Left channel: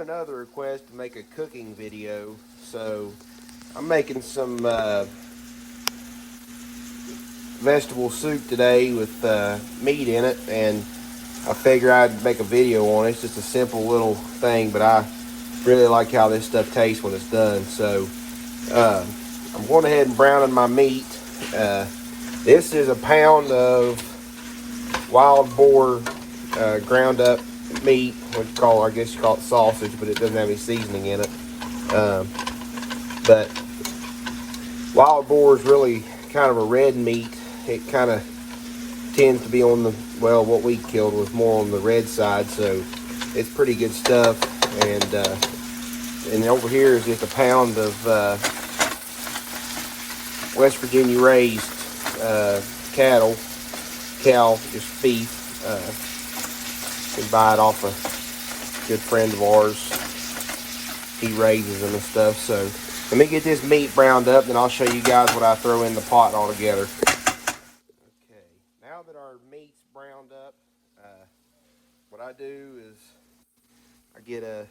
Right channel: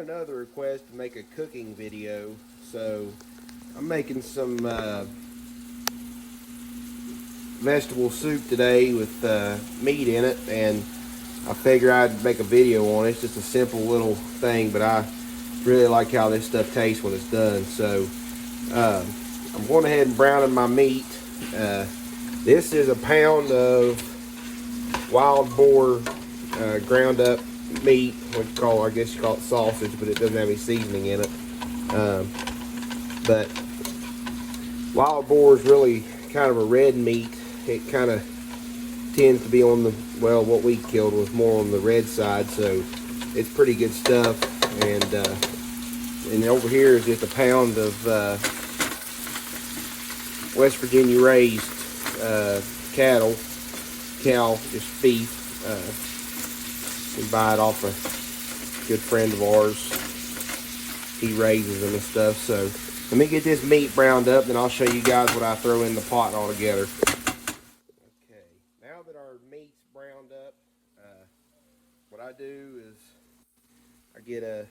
had another request to make a cooking video, so I'm making some vegetable soup today with meat in it, and I figure I'd make a video on it. It's just a simple little thing, but I really like how this stuff tastes when it's done. So I'm going ahead and browning my meat. This is a pound of wild boar ground up meat, what you call, I guess you call it sausage, but it doesn't have any seasoning in it. But wild boar is really kind of a red meat. It kind of tends to be on the, well, what we killed was more on the red side, so it's pretty good stuff. And over here is just a pound of West Virginia raised cow, just beef. We buy it off a good friend of ours. He raises them and stuff. So let me get this meat browned up, then I'll show you guys what I throw in the pot altogether. Okay, now that our meat's browned up, what I do is I get a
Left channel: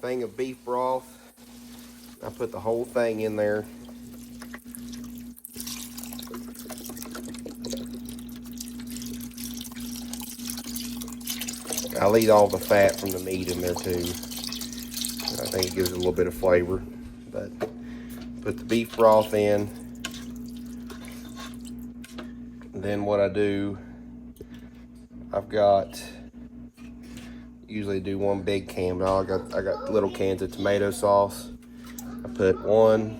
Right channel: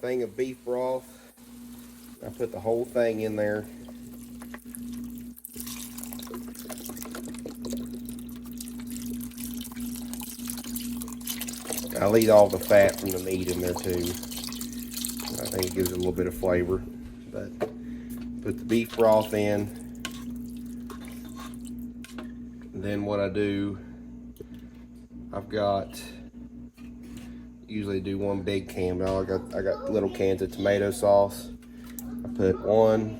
thing of beef broth. I put the whole thing in there. I'll eat all the fat from the meat in there too. I think it gives it a little bit of flavor. But put the beef broth in. Then what I do, I've got, usually do one big can, but I got little cans of tomato sauce. I put one.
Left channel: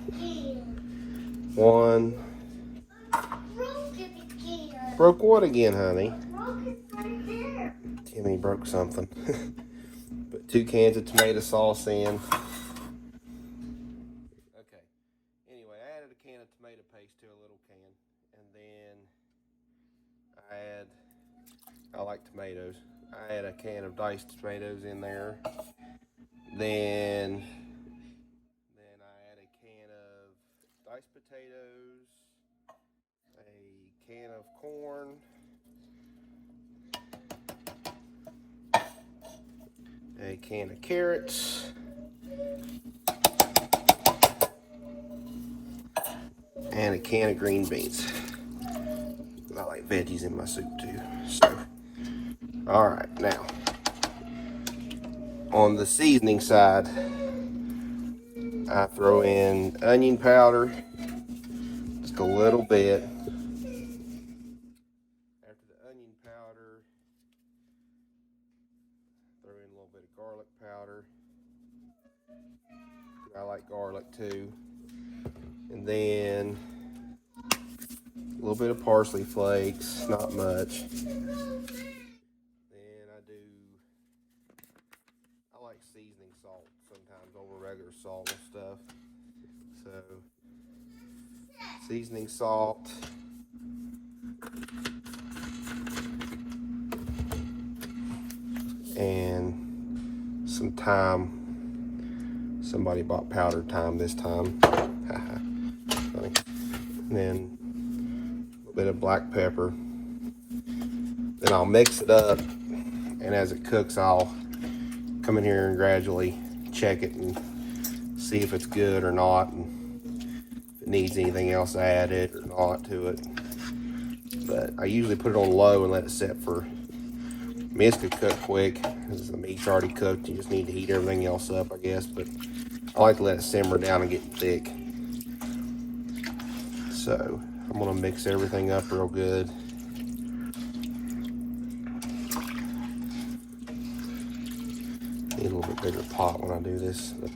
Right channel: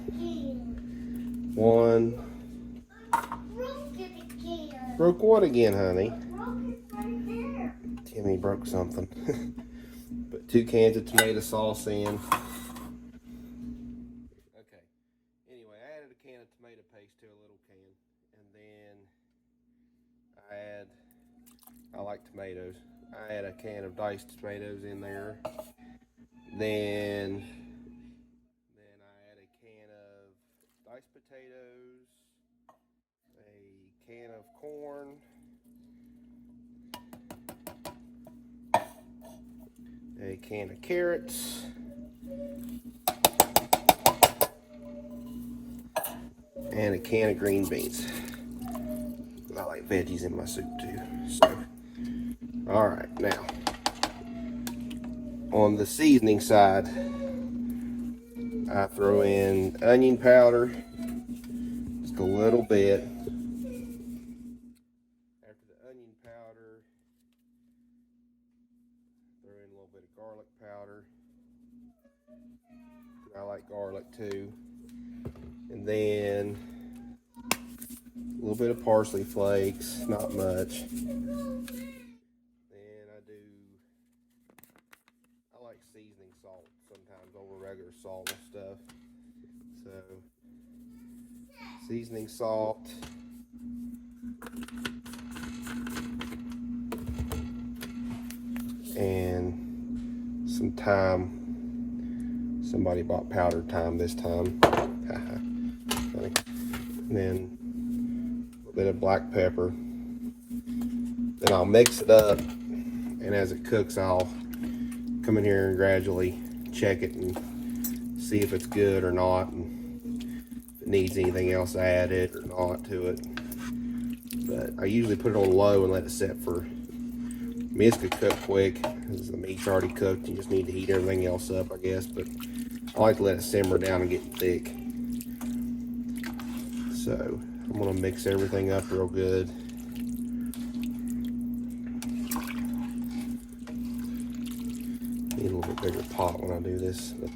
Broke what again, honey? Timmy broke something. Put 2 cans of tomato sauce in. Okay. Anyway, I added a can of tomato paste to a little can. And then I like tomatoes. I add a can of diced tomatoes in there. Then I add a can of diced potatoes, a can of corn, a can of carrots, and a can of green beans. I like veggies in my soup too. So, all right, now on the seasoning side, I throw in onion powder, just a little bit. After the onion powder, throw in a little bit of garlic powder. I like garlic too. And then a little bit of parsley flakes, not much. Then I like seasoning salt sometimes over regular salt and stuff. So, seasoning salt. And some thyme. Somebody bought powdered thyme this time. Funny. And then a little bit of black pepper. Then I'll mix it up, and as it cooks, I'll come in here and gradually check it and see if it's good or not, and if it needs anything else added or not to it. But I usually put it on low and let it set for, I mean, it's gonna cook quick because the meat's already cooked. You just need to heat everything else up, I guess. But I like to let it simmer down and get thick. So I'm gonna mix everything up real good. Need a little bit bigger pot when I do this. But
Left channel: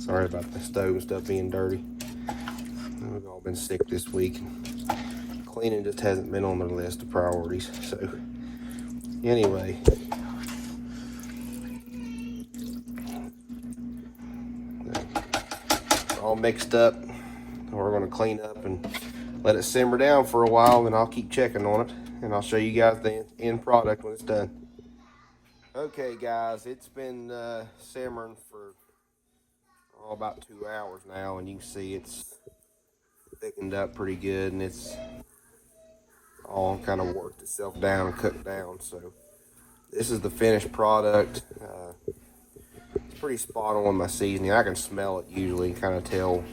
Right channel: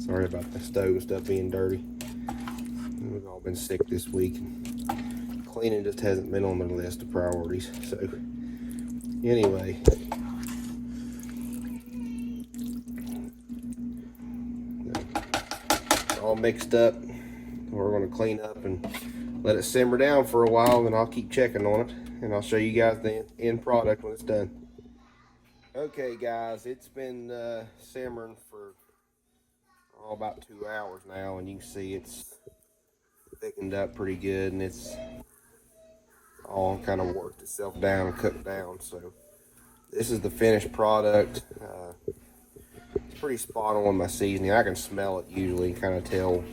sorry about the stove and stuff being dirty. We've all been sick this week. Cleaning just hasn't been on the list of priorities. So anyway, all mixed up. We're gonna clean up and let it simmer down for a while, and I'll keep checking on it, and I'll show you guys the end product when it's done. Okay guys, it's been simmering for about 2 hours now, and you can see it's thickened up pretty good, and it's all kind of worked itself down and cooked down. So this is the finished product. It's pretty spot on my seasoning. I can smell it usually, kind of tell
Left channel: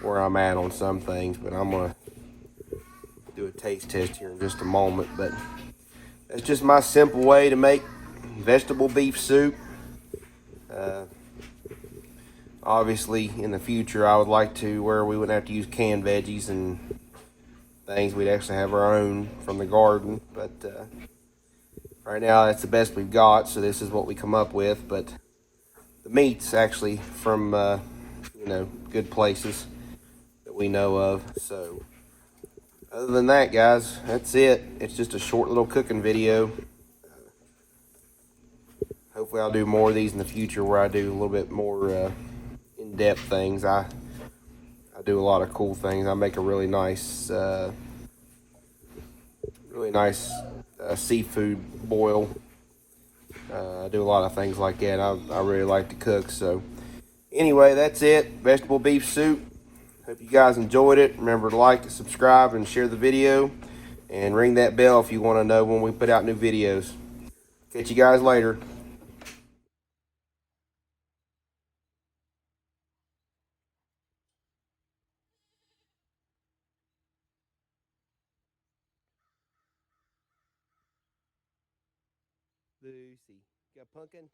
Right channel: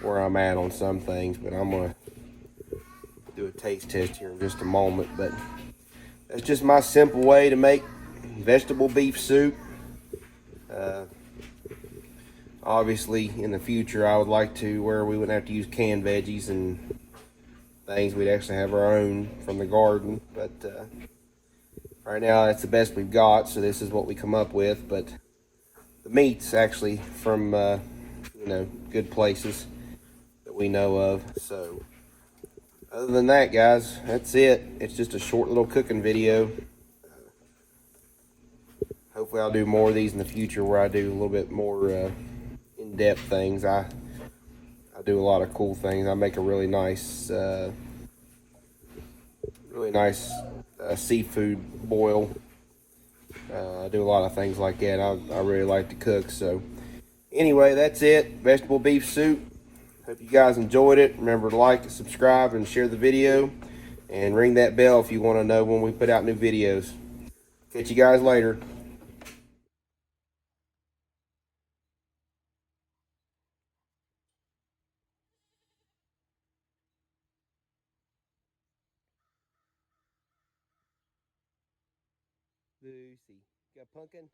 where I'm at on some things, but I'm gonna do a taste test here in just a moment. But that's just my simple way to make vegetable beef soup. Obviously, in the future, I would like to where we wouldn't have to use canned veggies and things. We'd actually have our own from the garden. But right now, that's the best we've got. So this is what we come up with. But the meat's actually from good places that we know of. So other than that, guys, that's it. It's just a short little cooking video. Hopefully, I'll do more of these in the future where I do a little bit more in-depth things. I do a lot of cool things. I make a really nice seafood boil. I do a lot of things like that. I really like to cook. So anyway, that's it. Vegetable beef soup. Hope you guys enjoyed it. Remember to like, subscribe, and share the video. And ring that bell if you want to know when we put out new videos. Catch you guys later. Lucy, got pumpkin?